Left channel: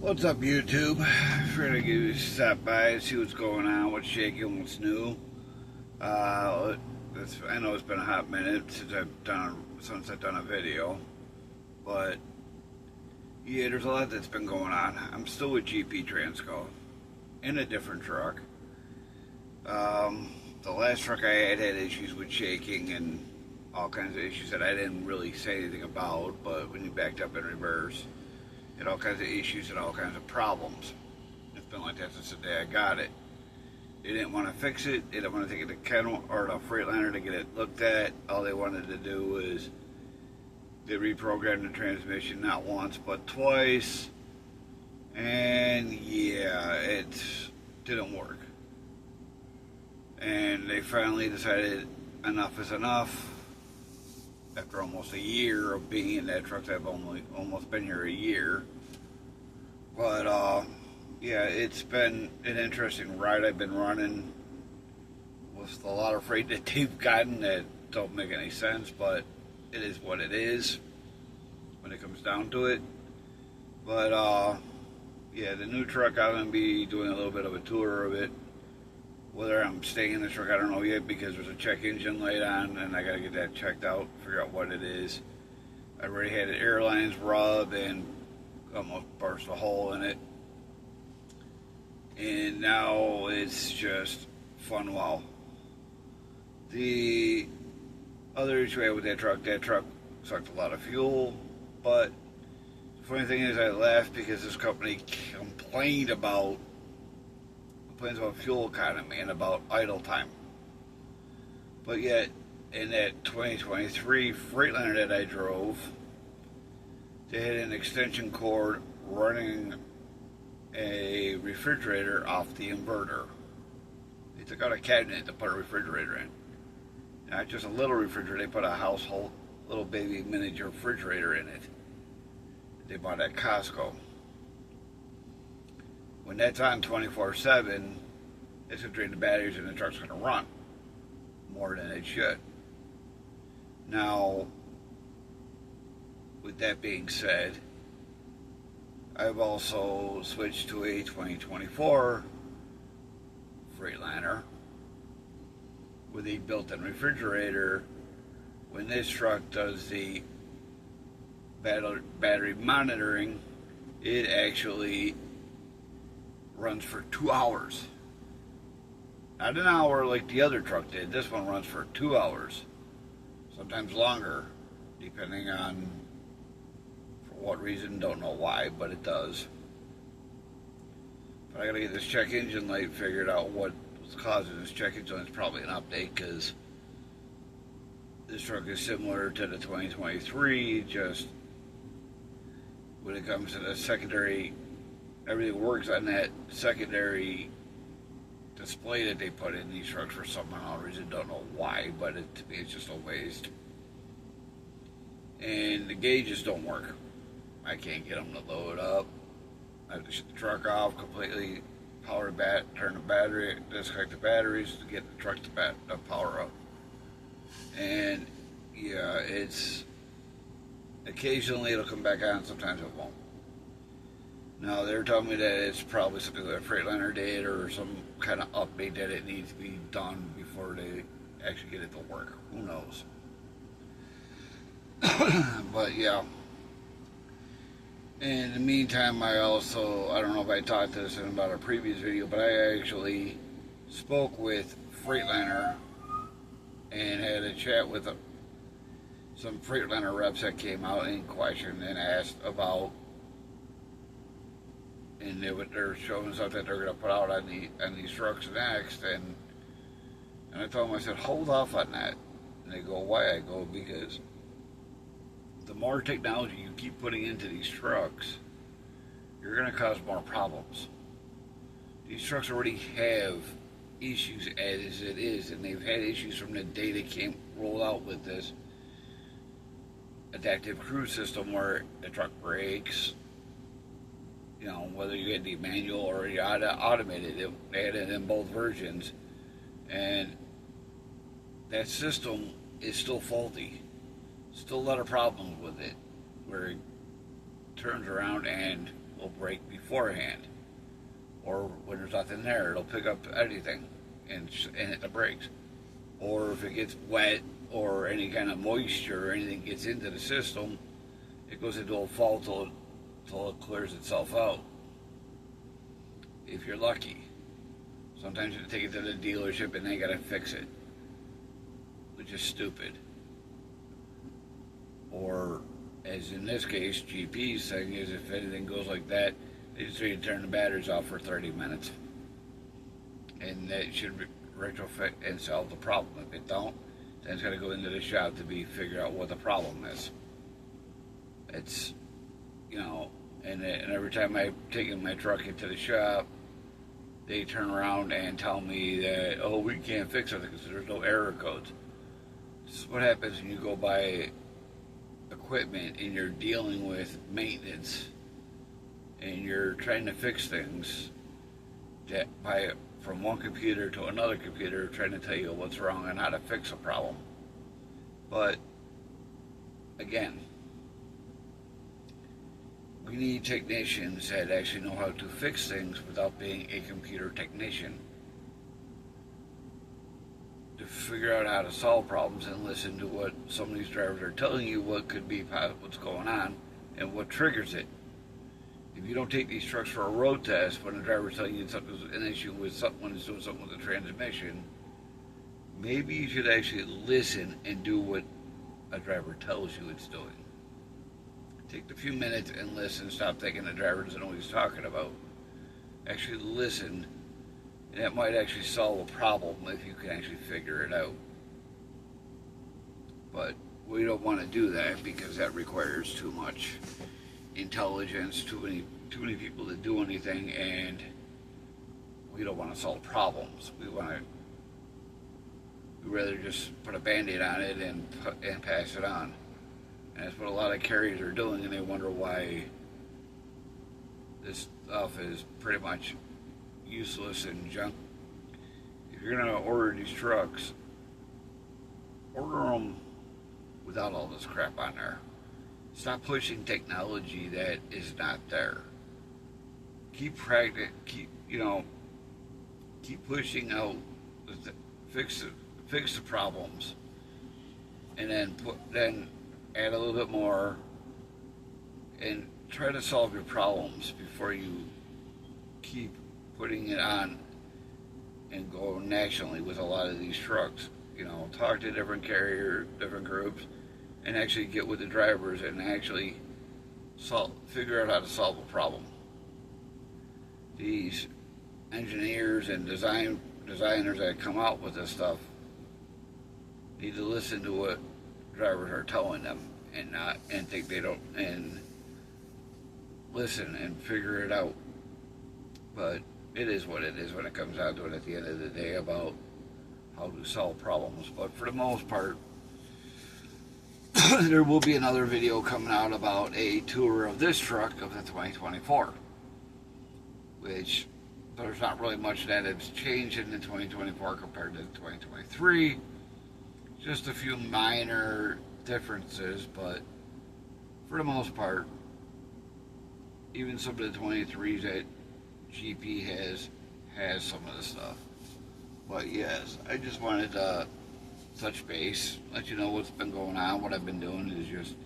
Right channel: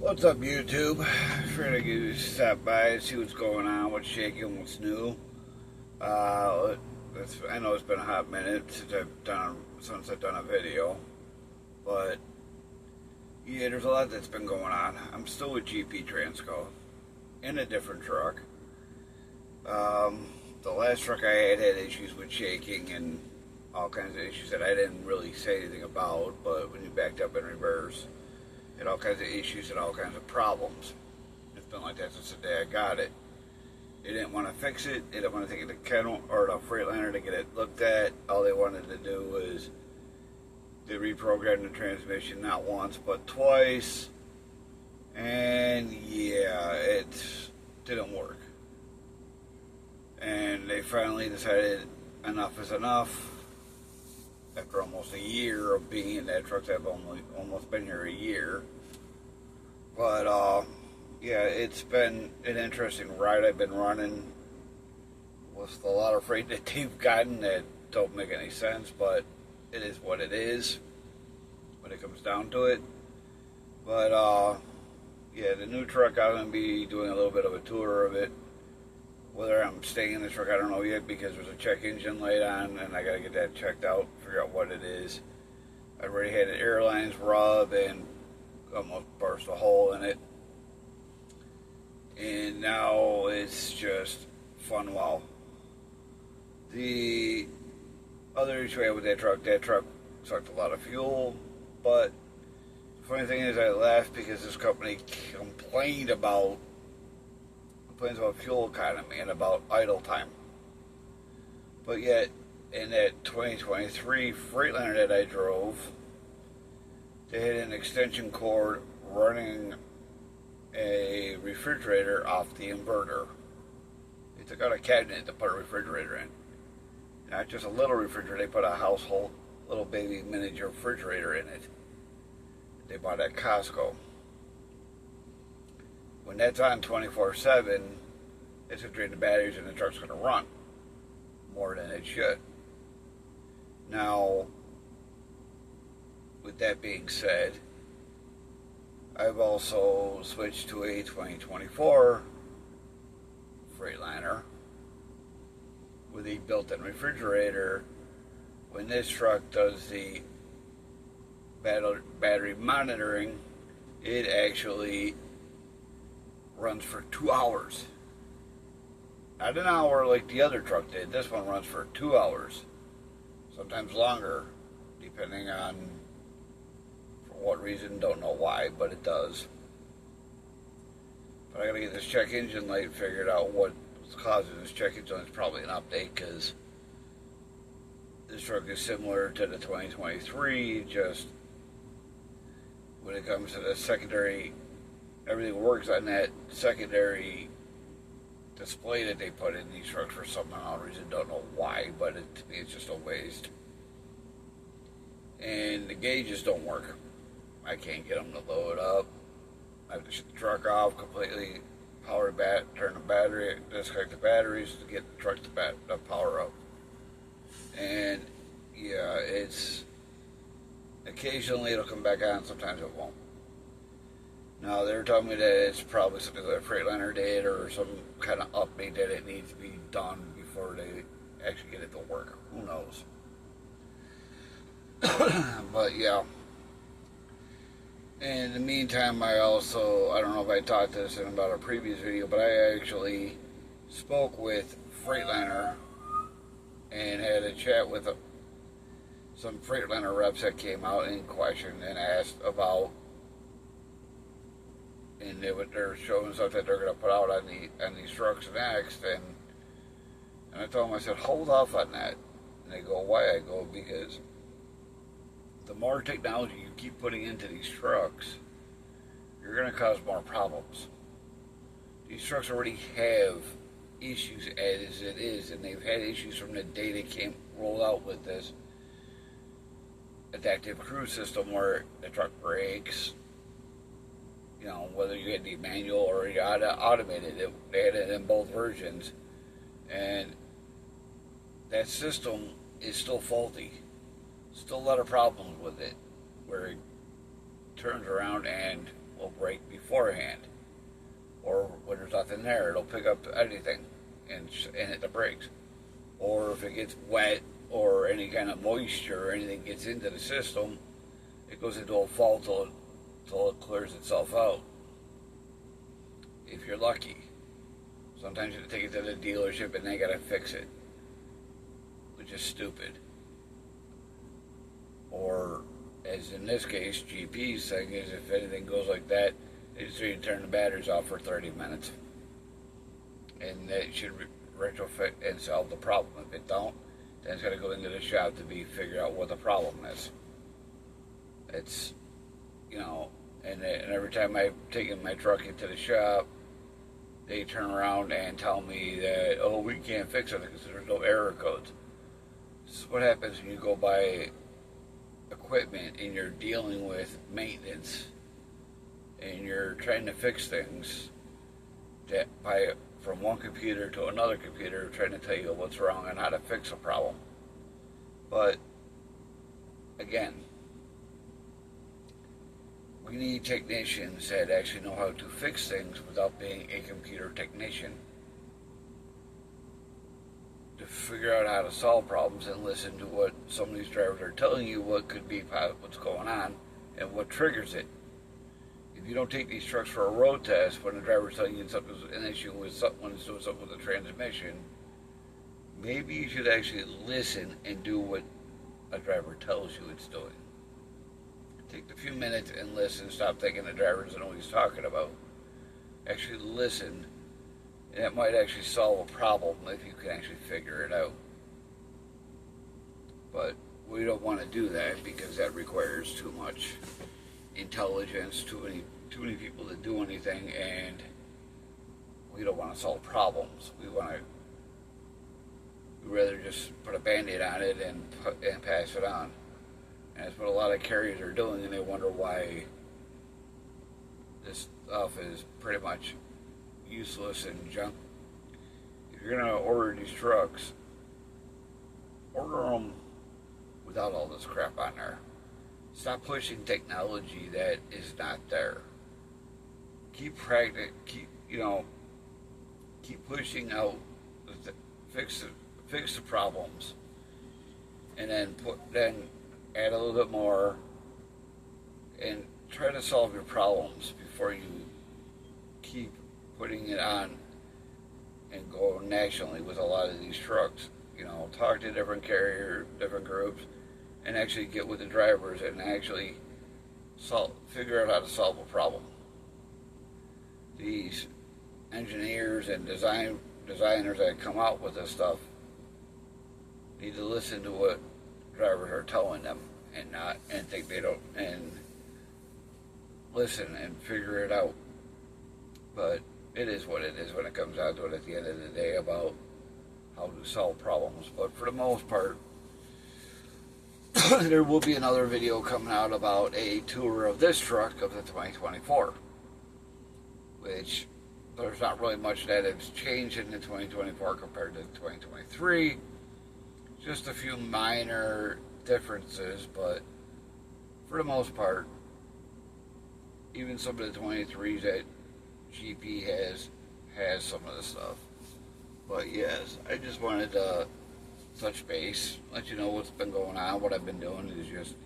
What's up, YouTube? Trying to stop by and see what's going on, what's shaking, what's new. I know it's been a hot minute since I've done a video, but yeah, there's a lot that's been going on. I'm still with GP Transco in a different truck. The last truck I had issues with shaking and all kinds of issues that I didn't really say anything about, but when you backed up in reverse, had all kinds of issues and all kinds of problems. It's been like that since the day I got it. They didn't want to fix it. They didn't want to take it to kennel or to Freightliner to get it looked at. All they wanted to do was they reprogrammed the transmission not once but twice, and yeah, it didn't work. And they finally decided enough is enough. After almost a year of being in that truck, I've almost been here a year. But yeah, it's been an interesting ride I've been running with a lot of freight that they've gotten that don't make any sense, but it is what it is when it comes down to it. But yeah, the new truck, I'm going to be doing a little bit of a tour of it. Whether I'm staying in the truck, I don't know yet, because there's a check engine light on and I got to get that checked out, figure out what it is. I already had an airlines rub and almost burst a hole in it. And now it's just fun wow. The other issue I had with that truck sucked a lot of fuel, but the funny thing is I laughed because this company complains about fuel economy and about idle time. But yet, in that 2023 Freightliner that I drove, they had an extension cord running a refrigerator off the inverter. They took out a cabinet to put a refrigerator in. Not just a little refrigerator, they put a household little baby miniature refrigerator in it. They bought at Costco. When that's on 24/7, it's going to drain the batteries and the truck's going to run more than it should. Now, with that being said, I've also switched to a 2024 Freightliner with a built-in refrigerator. When this truck does the battery monitoring, it actually runs for 2 hours. Not an hour like the other truck did. This one runs for 2 hours. Sometimes longer, depending on for what reason, don't know why, but it does. But I gotta get this check engine light figured out what's causing this check engine light. It's probably an update, because this truck is similar to the 2023, just when it comes to the secondary, everything works on that secondary display that they put in these trucks for some odd reason. Don't know why, but to me it's just a waste. And the gauges don't work. I can't get them to load up. I have to shut the truck off completely, turn the battery, disconnect the batteries to get the truck to power up. And yeah, it's occasionally it'll come back on, sometimes it won't. Now, they're telling me that it's probably something that Freightliner did or some kind of update that it needs to be done before they actually get it to work. Who knows? But yeah. In the meantime, I don't know if I talked this in about a previous video, but I actually spoke with Freightliner and had a chat with some Freightliner reps that came out and questioned and asked about, and they're showing stuff that they're going to put out on these trucks next, and I told them, I said, hold off on that. And they go, why? I go, because the more technology you keep putting into these trucks, you're going to cause more problems. These trucks already have issues as it is, and they've had issues from the day they came rolled out with this adaptive cruise system where the truck brakes. You know, whether you had the manual or you had automated, they had it in both versions. And that system is still faulty. Still a lot of problems with it, where it turns around and will break beforehand. Or when there's nothing there, it'll pick up anything and hit the brakes. Or if it gets wet or any kind of moisture or anything gets into the system, it goes into a fault till it clears itself out. If you're lucky. Sometimes you take it to the dealership and they gotta fix it, which is stupid. Or, as in this case, GP's thing is if anything goes like that, they just need to turn the batteries off for 30 minutes. And that should retrofit and solve the problem. If it don't, then it's got to go into the shop to be figured out what the problem is. It's, and every time I've taken my truck into the shop, they turn around and tell me that, oh, we can't fix it because there's no error codes. This is what happens when you go buy equipment and you're dealing with maintenance and you're trying to fix things from one computer to another computer, trying to tell you what's wrong and how to fix a problem. But again, we need technicians that actually know how to fix things without being a computer technician, to figure out how to solve problems and listen to what some of these drivers are telling you, what could be what's going on and what triggers it. If you don't take these trucks for a road test when the driver's telling you something's an issue with someone is doing something with the transmission, maybe you should actually listen and do what a driver tells you it's doing. Take the few minutes and listen. Stop thinking the driver doesn't know what he's talking about. Actually listen, and it might actually solve a problem if you can actually figure it out. But we don't want to do that because that requires too much intelligence, too many people to do anything, and we don't want to solve problems. We'd rather just put a band-aid on it and pass it on. And that's what a lot of carriers are doing, and they wonder why this stuff is pretty much useless and junk. If you're gonna order these trucks, order them without all this crap on there. Stop pushing technology that is not there. Keep pushing out, fix the problems, and then add a little bit more, and try to solve your problems before you keep putting it on and go nationally with a lot of these trucks. Talk to different carriers, different groups, and actually get with the drivers and actually figure out how to solve a problem. These engineers and designers that come out with this stuff need to listen to what drivers are telling them and think they don't, and listen and figure it out. But it is what it is when it comes down to it at the end of the day about how to solve problems. But for the most part, there will be another video coming out about a tour of this truck of the 2024, which there's not really much that has changed in the 2024 compared to the 2023. Just a few minor differences, but for the most part, even some of the 23s that GP has some of the stuff. But yes, I just wanted to touch base, let you know what's been going on. What I've been doing is just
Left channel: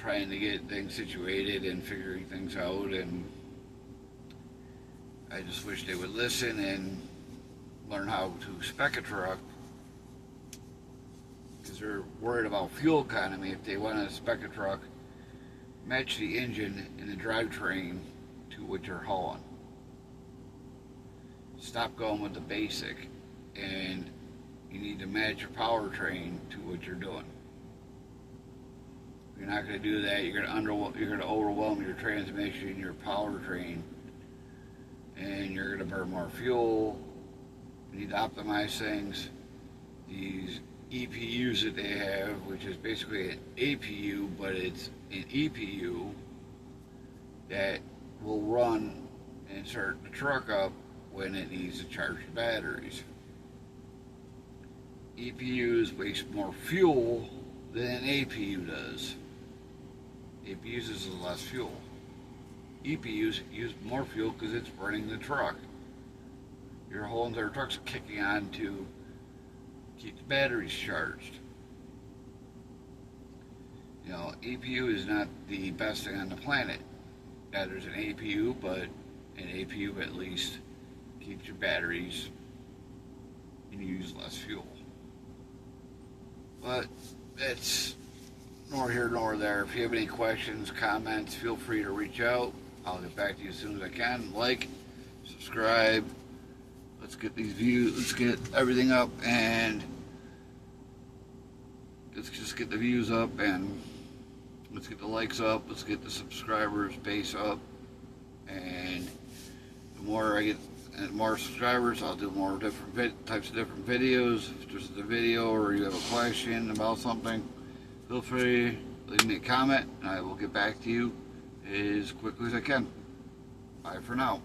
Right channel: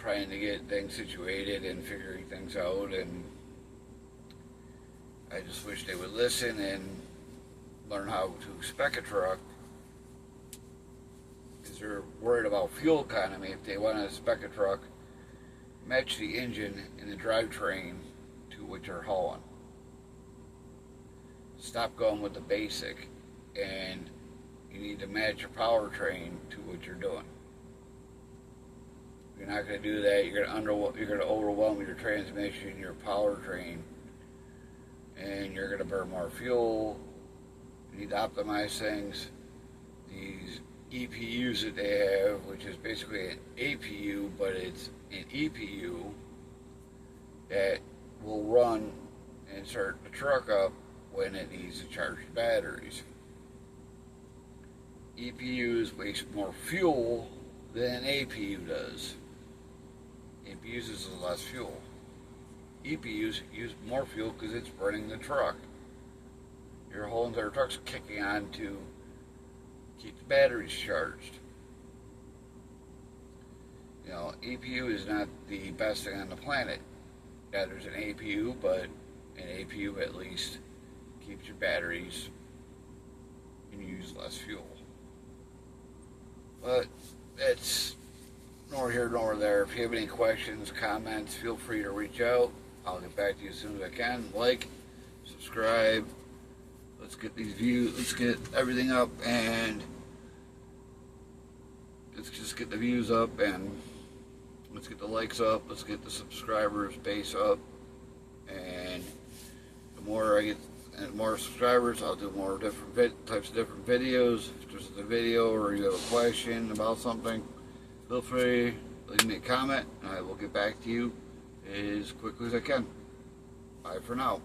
trying to get things situated and figuring things out, and I just wish they would listen and learn how to spec a truck, because they're worried about fuel economy. If they want to spec a truck, match the engine and the drivetrain to what you're hauling. Stop going with the basic, and you need to match your powertrain to what you're doing. If you're not going to do that, you're going to overwhelm your transmission, your powertrain, and you're going to burn more fuel. You need to optimize things. These EPUs that they have, which is basically an APU, but it's an EPU that will run and start the truck up when it needs to charge the batteries. EPUs waste more fuel than APU does. APU uses less fuel. EPUs use more fuel because it's burning the truck. Your whole entire truck's kicking on to keep the batteries charged. You know, EPU is not the best thing on the planet. Yeah, there's an APU, but an APU at least keeps your batteries and you use less fuel. But it's nor here nor there. If you have any questions, comments, feel free to reach out. I'll get back to you as soon as I can. Like, subscribe. Let's get these views, let's get everything up, and let's just get the views up, and let's get the likes up, let's get the subscribers base up, and the more I get more subscribers, I'll do more different types of different videos. If there's a video or you have a question about something, feel free to leave me a comment, and I will get back to you as quickly as I can. Bye for now.